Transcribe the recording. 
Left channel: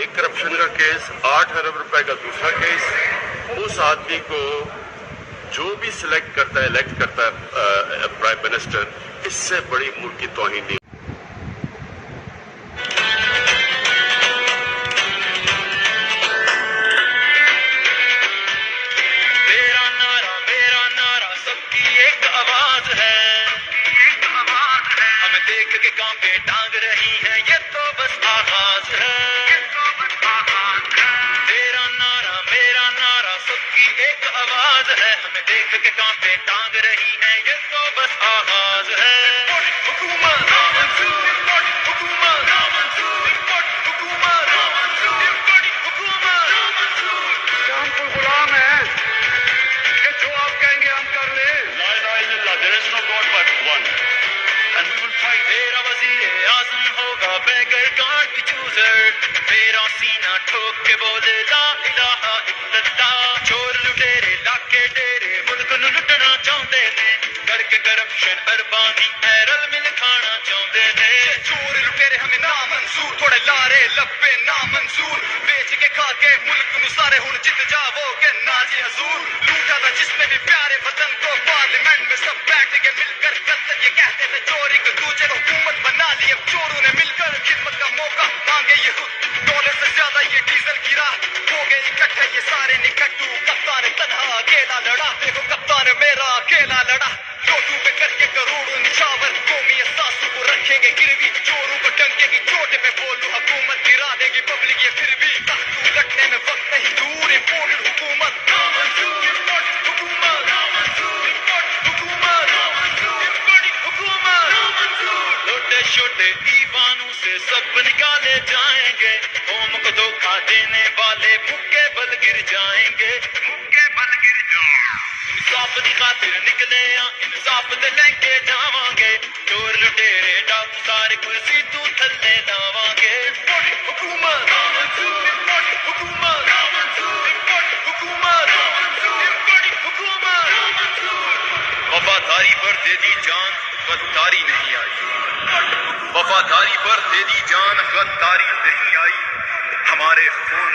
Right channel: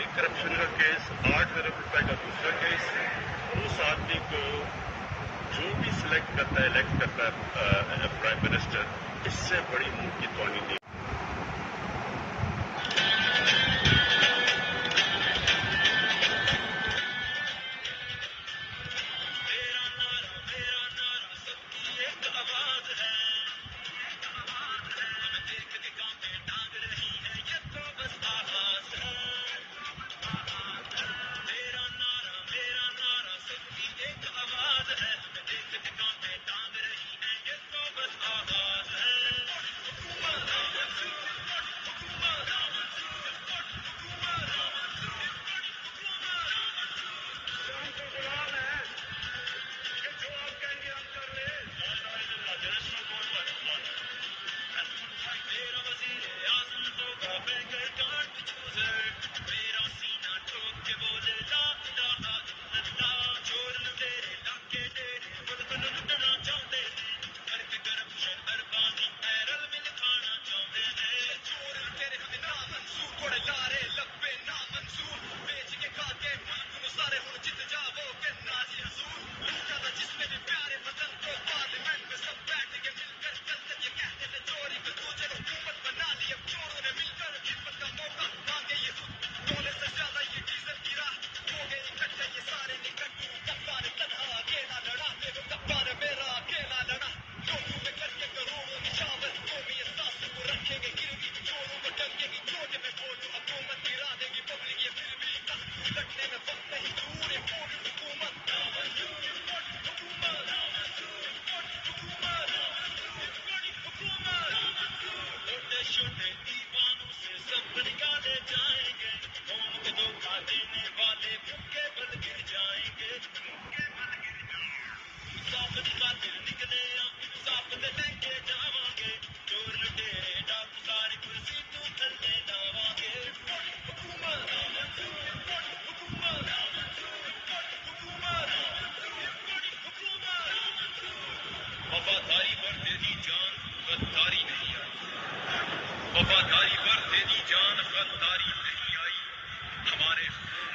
एक करप्शन का केस, 8 अरब रुपए का दूसरा केस। उस आदमी को जो भी सिलेक्ट करता है, इलेक्ट करता है प्राइम मिनिस्टर, इससे बड़ी मुल्क की तौहीन नहीं। देख के कांपे टांग रही है, ये तो बस आगाज है। तेरा नारा मेरा नारा सबकी एक आवाज है, हमें देख के कांपे टांग रही है, ये तो बस आगाज है। हुकूमत हम तो गुलाम हैं कि जो आप कहेंगे हम कर ले। There is no God but one, and we will fight. मेरा वज़ीर आज़म होगा बेगर गार्ड चूजर, मेरा सीना ठोक के बोले ला इलाहा इल्लल्लाह। चोर लुटेरे लाके डेरे मुल्क नूं लुटना चाहुंदे ने, करके करप्शन अरबां दी रल मिल खाना चाहुंदे ने। चोर लुटेरे हमें ना मंजूर, थोड़े लारे लब्बे ना मंजूर, बेच के खा के मुल्क नूं सारे हुण जित जावोगे ना जी हजूर। लूटा था जिसने भी प्यारे वतन को, पार्लियामेंट में सब बैठ के मिलकर कत्ल ये कहते थे चोरी को दूजे को हुकूमत बना ली। अब चोरों ने मिलकर खिदमत का मौका मांगे ये खुद, डॉलर से ज्यादा ये डीजल की राह हो गए इकट्ठे ये सारे निकट्टू। कप्तान तन्हा अकेला लड़ा, देखो कप्तान मेरा अकेला लड़ा। नोटू पे करके करोड़ों निछावर, कौमी एहसासों को रखेंगे गिरवी। चोरों को डंके की चोट पे बोलूं, हुकूमत गिरा देगी पब्लिक ये फिर भी। तख्तू लटने में वक्त नहीं दूर, इम्पोर्टेड हुकूमत छोटे दीवानों से सब निकाले जाएंगे, कौम को धोखा देने वाले मुक्के बल गिर जाएंगे, मुक्के बल गिर जाएंगे। इंसाफ दी खातिर निकले इंसाफ दे लेके जावांगे, चोर लुटेरे डाकू सारे कुर्सी तू थल्ले लावांगे। हुकूमत वफादारी पर दे दी जान, गद्दारी नहीं आई। वफादारी पर दे दी जान, गद्दारी नहीं आई। हमारे खून